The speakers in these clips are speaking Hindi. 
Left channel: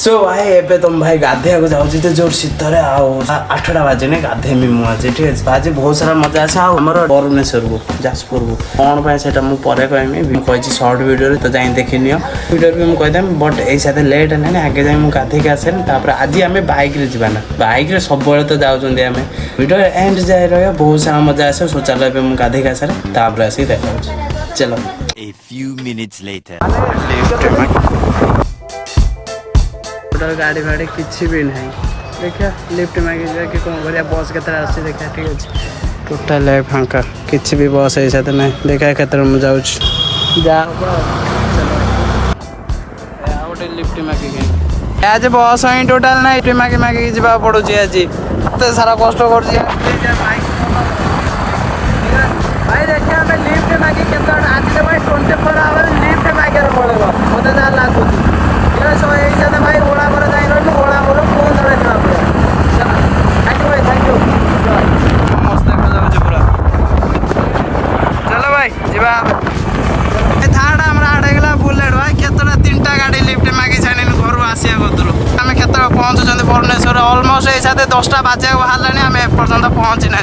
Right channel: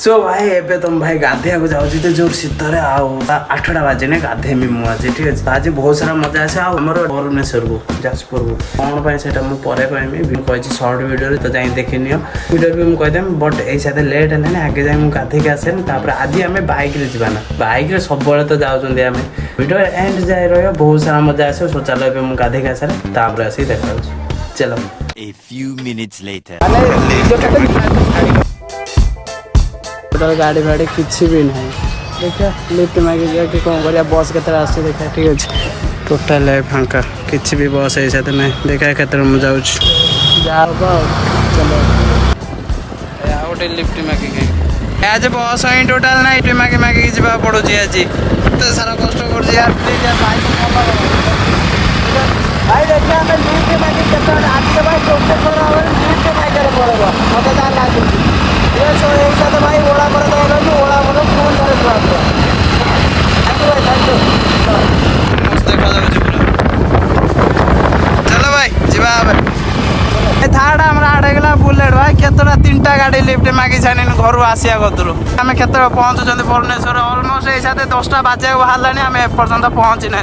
सो भाई एबे तुम भाई गाधे को जाऊँ जोर शीत 8टा बाजे ना गाधेमी मुझे ठीक है आज बहुत सारा मजा आसे आमर भुवनेश्वर को जाजपुर को कौन पाए से मुझे कहमी कही सर्ट वीडियो तो जाए देखी नि वीडियो भी मुझे बट ये साथ लेट है ना आगे जाए मुझे गाधे आसे आज आम बैक जाना बैक सब तो जाऊँ वीडियो एंड जाए रहा बहुत सारा मजा आसे सो चलो मुझे गाधे आसार आसिक देखा चलो A few minutes later. गाड़ी फाड़ी किसी भी नहीं देखा लिफ्ट मांगी जाके कौन कर बस के आसी देखा ठीक है टोटाल है फांका किसी भी बस है साथ नहीं देखा के जाऊँ चलो गोटे लिफ्ट मांगिक आज बस ही टोटाल ना लिफ्ट मांगी मांगिक जा पड़ू आज एत सारा कष्ट भाई देखिए हमें लिफ्ट मांगी के आज भाई 24 आवर लिफ्ट मांगे पड़ो मत जहाँ लागू एक साथ भाई ओला पर जाए रही ओला बोलो कौन थैंक यू मस्त देखा जाऊँ पूरा चलो भाई जीवा थार्ड आम आड़ेगला बुलेट भाई केतटा 3टा गाड़ी लिफ्ट मांगी छाणी घर आसिया करूँ आम के पहुँचुं भुवनेश्वर अलमोस्ट ये साथ 10टा बाजा बाहर आम एपर्तंत पहुँची ना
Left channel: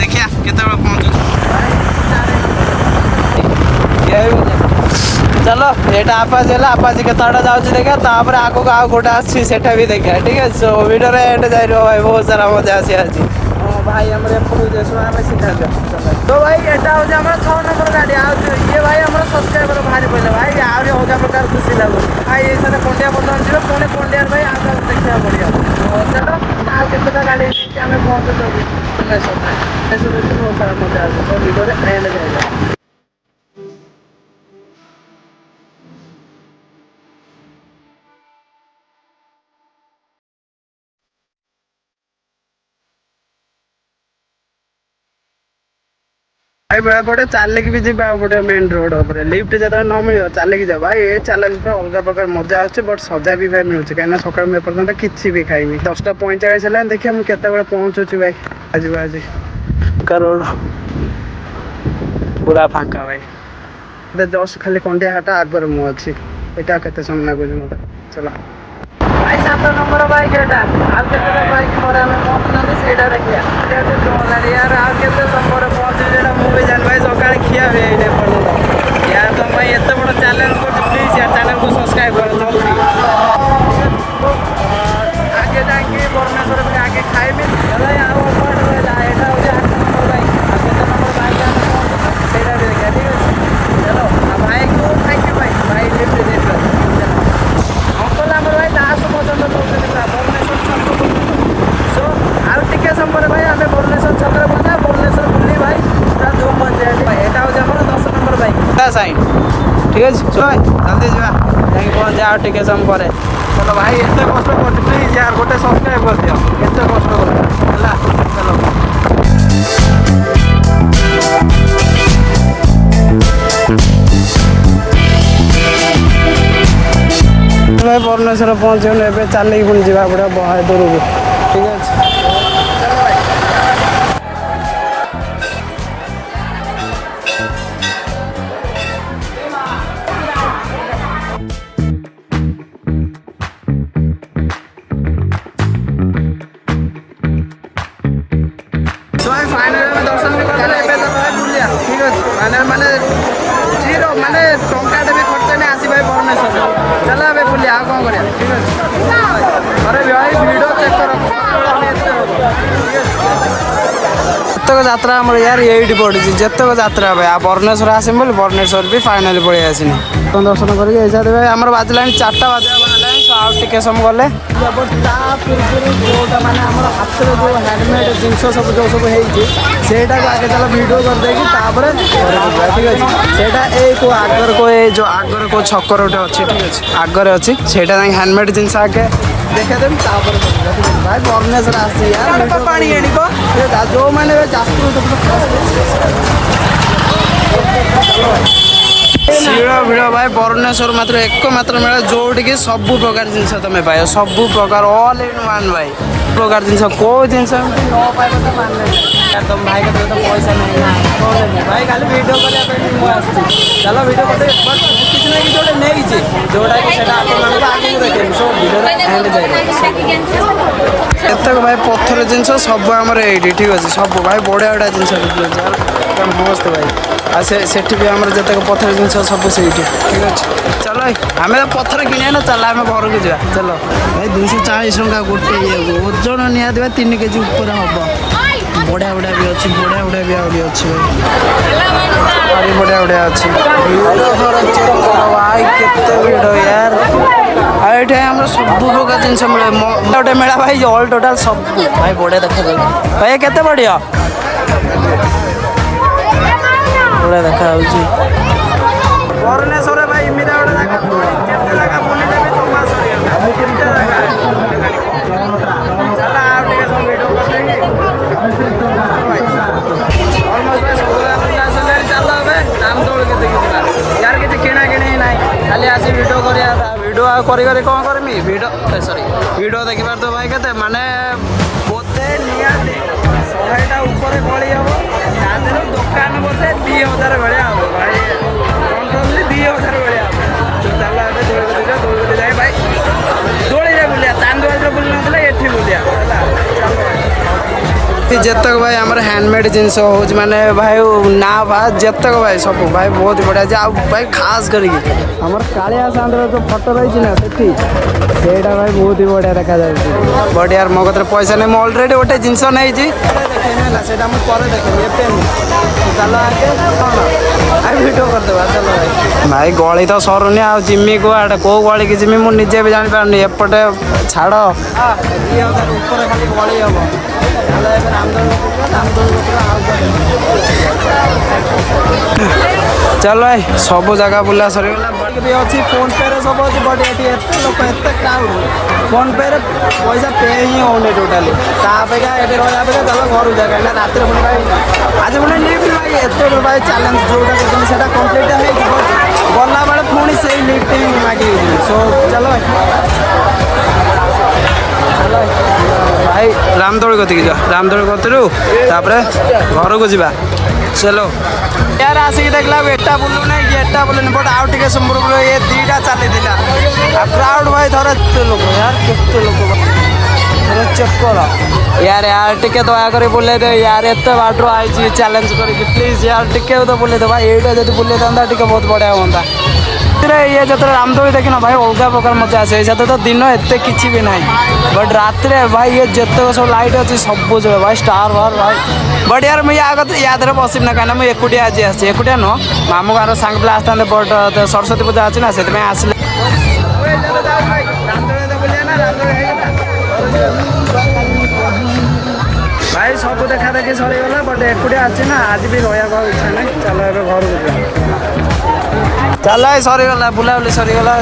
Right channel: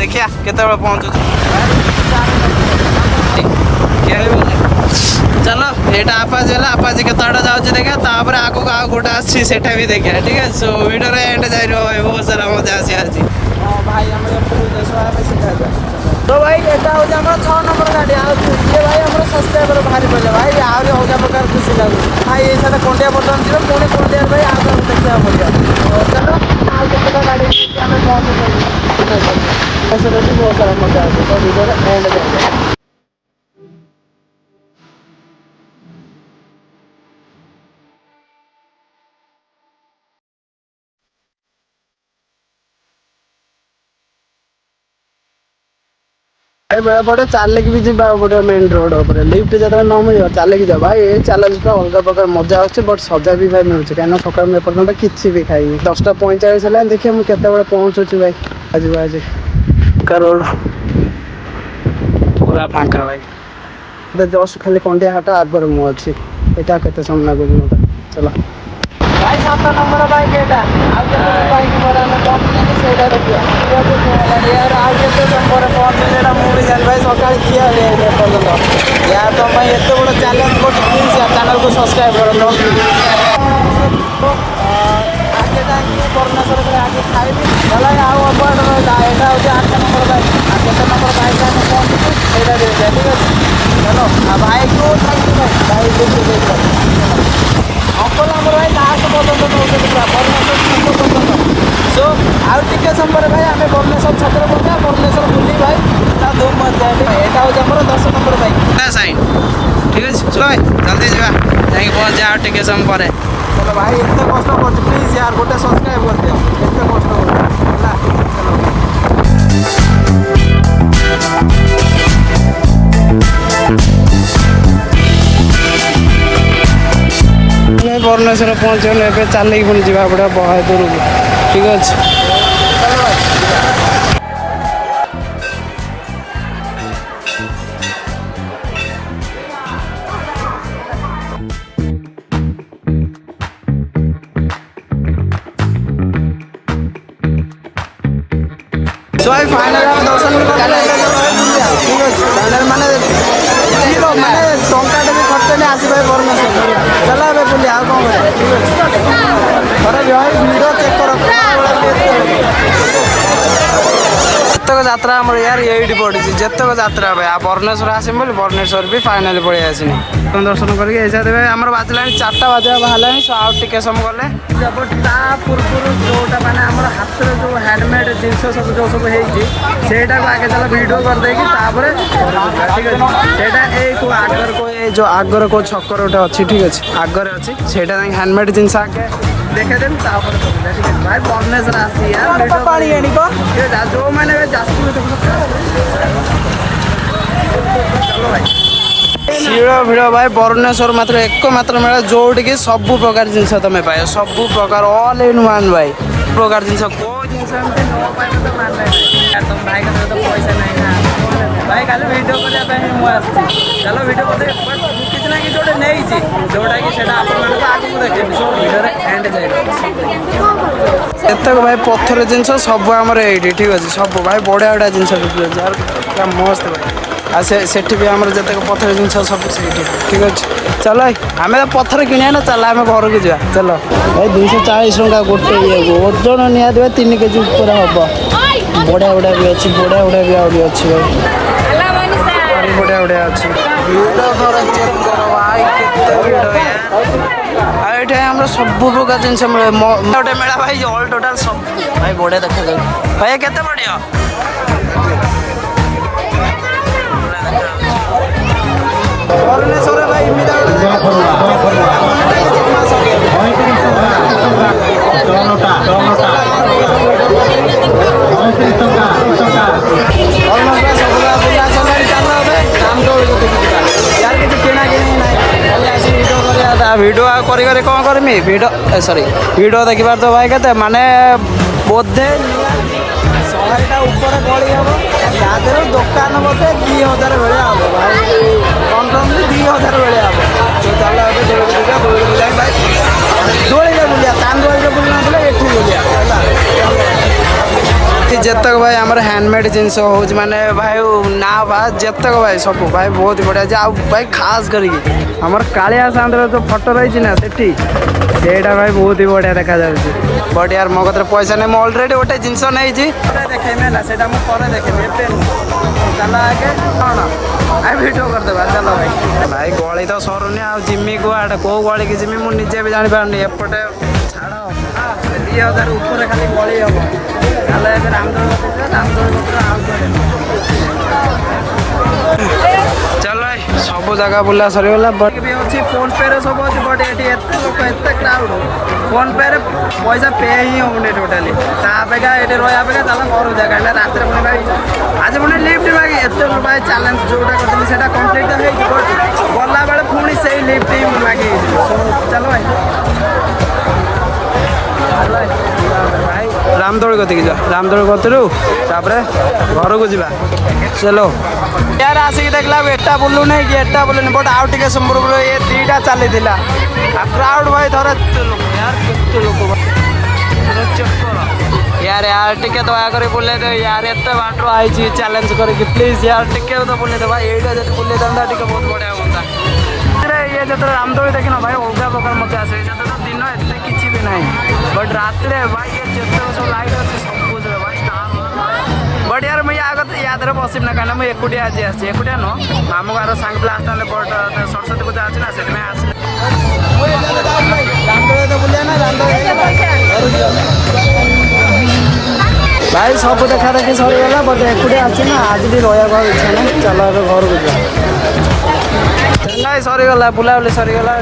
देखिया केत पहुँचु चलो एटा आपाजी है आपाजी के जाऊँगी देखा तापर आगो आउ गोटे आसी सेटा भी देखा ठीक है सो वीडियो एंड जाए भाई बहुत सारा मजा आसी आज भाई तो भाई एटा हूँ 6 नंबर गाड़ी ये भाई आम सब्सक्राइबर बाहरी पड़े भाई आहरी अलग प्रकार खुशी लगुच भाई ये साथ कंडिया बर्तमान जी पुणी कंडिया भाई आगे देखा पड़ा चलो आगे गाड़ी आम पहुँचुँ बहुत सारा मजा आसे तो वीडियो एंड जाए भाई बड़ा पड़े चल भी जी पड़े मेन रोड पर लिफ्ट जो न मिल चल जा भाई ये चैलेंज अलग प्रकार मजा आसे बट सजा भी भाई मिलूँ कहीं सका एपर्तंत किसी भी खाई 10:45 है देखिए मुझे केत पहुँचुची भाई आज आज रोड पूरा फांका भाई जस्ट खाली कंडिया हाट आगर मुझे यहाँ के समय लगुच मतलब चलो भाई 7 नंबर बाइक एटा आगे बाइक पर पहुँचुना से देखिए यार आगे समय पहुँचे मुझे जान भाई सका खिया हुए पर्यटन यार तुम एत बड़ चैलेंज कर प्लीज यार चैनल को सब्सक्राइब कर आगे जाकि भुवनेश्वर भाई आगे खाइबी चलो आउट रहा यहाँ हूँ 8 नंबर बाइक आ 7 नंबर बाइक आने पहुँचुँ सहीटा देखिए ठीक है चलो भाई को थैंक यू भाई लिफ्ट अंकल आम भाई लास्ट पर्यटन नौ भुवनेश्वर छक पर्यटन तो आउ टे समय भाई आम भुवनेश्वर छक पहुँचा भुवनेश्वर बुली भाई पूरा धूम मजा यहाँ हूँ आम 10 नंबर बाइक साइड ठीक है चलो भाई जल्दी जा पहुँचे आउ टे समय पर चलो भाई एत कष्ट कर प्लीज यार गोटे सब्सक्राइब कर दियो एत कष्ट कर चलो भुवनेश्वर पहुँचल ए चलिए पुणी जा पड़ा बहुत दूर को ठीक अच्छे चलो भाई भाई फाइनाल आम दर्शन भी करते भाई बुलिया ठीक अच्छे फाइनाल माने जीरो माने टंकाटे भी खर्च नहीं आसी भाई भुवनेश्वर चलो ए बुलिया आ कौन कर ठीक अच्छे थोड़े भी भाई भिड़ चेक कर जितक यात्रा आम यार ये पड़ी जितक यात्रा भाई आ भुवनेश्वर आसम बोले भुवनेश्वर भी फाइनाल पड़े आसनी दर्शन करके भाई आम बाजला 4टा बाजा बाहर आउ टे समय गले ता पूर्व जोटा मैंने आम हाथ जो हैंडमेड जिनस सब जो सब होटा आगे चलो वीडियो करदे घर को जा ठीक अच्छे सेटा को आगर को जो आगर को छकर गोटे अच्छी ठीक अच्छे आगे अच्छी से हैंडमेड जिनस आगे देखेदेवी ठीक है भाई भुवनेश्वर आसी जो मैंने जाजपुर चलो भाई शिड़ भिड़ भाई भुवनेश्वर मात्र मेला जोटि सब प्रकार जिनस तुम पाए सब प्रकार ऑल इन वन भाई प्रकार जिन को जिन न पाइब तो मान ना तुम भाई का तो पैसा नहीं ना कौन भाई खाली वीडियो करने मुझे चलो वीडियो करते बट किसी ना कि गोटे नहीं जोटा कि आपको आगे देखे सब वीडियो एंड एतक भाई पत्थर जिनस सब आम ये ठीक अच्छे सब भाई बढ़िया बढ़िया जिन बिक यार क्या मस्त भाई आ से भी आम जितक पत्थर जिन सब से ठीक अच्छे चलो आम तो पत्थर किने ना चल आम घर को जा चलो भाई 240 टका गोटे ये ओजन निहती 3 केजी ऊपर हम बढ़िया बढ़िया भी अच्छी बढ़िया बढ़िया भी अच्छी भाई बढ़िया बढ़िया अच्छी भिड़ थोड़ा चेक कर भाई केते भिड़ यार ये आम सब प्रकार जिन मिले गोटे मेला भाई ऑल टोटाल सब भाई बढ़िया देखा भाई केते बढ़िया बढ़िया देखा भुवनेश्वर भाई इमिदा ऑलमोस्ट भाई सब बुला सारे चल रामदोल के देखी यार किसी किना किणी ना खाली आसी वीडियो कर वीडियो कर कौन करमी वीडियो सॉरी वीडियो देखिबार तो भाई के माने बोधे निहाती 100टा ऊपर गली हम तादेह दुकान बोधे 2000 भाया हम भाई कन्फर्मली 2000 भाया हम तो चल दौड़ को जाए भाई दौड़े बुलिया चांदोल बुलना ये बुलिया जितक भाई आम हैंडमेड जिनस हो माने भाई ना भाई जितक भाई सब भाई बहुत बढ़िया भाई खास करके आम कालिया सांद्र जो फोटो रही ना से भाई बहुत ही बढ़िया देखा बट यार मो कत पैसा नहीं मुझे अलरेडी गोटे जिनस नहीं देखे देखे चल आगे कौन आ वीडियो करदे चलो भाई भाई गली तो सरुनी आ जिमी को कौ गली की जिमी मुझे निजे भी जापारे एपटे छाड़ 2000 ऊपर खाली गली हम चल ए रामदोल चल भाई सब जगह बुला सरीगला बट भी अच्छी फोन पे रे सब अच्छी बट ये लोक एत क्राउड फोन पे रे पैसा पे ही होने टोटाली अपेक्षा ये रहा अपेक्षा चल घर जा कहीं रात पुणी भाई आज पुणी लिफ्ट मागे एत भाई चैलेंज जोटा कर कम्प्लीट हो बट गला बेले पुणी से लिफ्ट ही मागे सो चलो भाई भाई रामदोल कतिक जा रामदोल कतरू घर को जा चलो यार आसिक देखला एटा बुलू नहीं कि एटा बुलूनी बट आउ टे संबरपुर ये 2टा चली क्राउड भाई थोड़ा लोक यार के लोक चेक कर यार यार टिके दया बुले दे यार एत बाटर आई चैलेंज करके प्लीज यार टिके तो बुले दे भाई ये जब बुले था बहुत बढ़िया हाँ ये जो रामदोल देखना भाई अलग प्रकार मत आसे तो दिन एत कि भी ना बट रात भाई ये जिते सब लाइट अच्छी सब जगह भाई स्टार वार भाई बट यार मुझे आगे याद बसम ना कहीं मुझे एकुटिया आज आसी एकुटिया नुह मामू गार सांग पिला आसता बट सरस्वती पूजा अच्छी ना से आसले भाई सब देखा देखी सरीगला बट एकुटिया आसी ना आज भी रहा इच्छा ना चलो ए घर को जा चल सरीगला बुलाबुली सरीगला।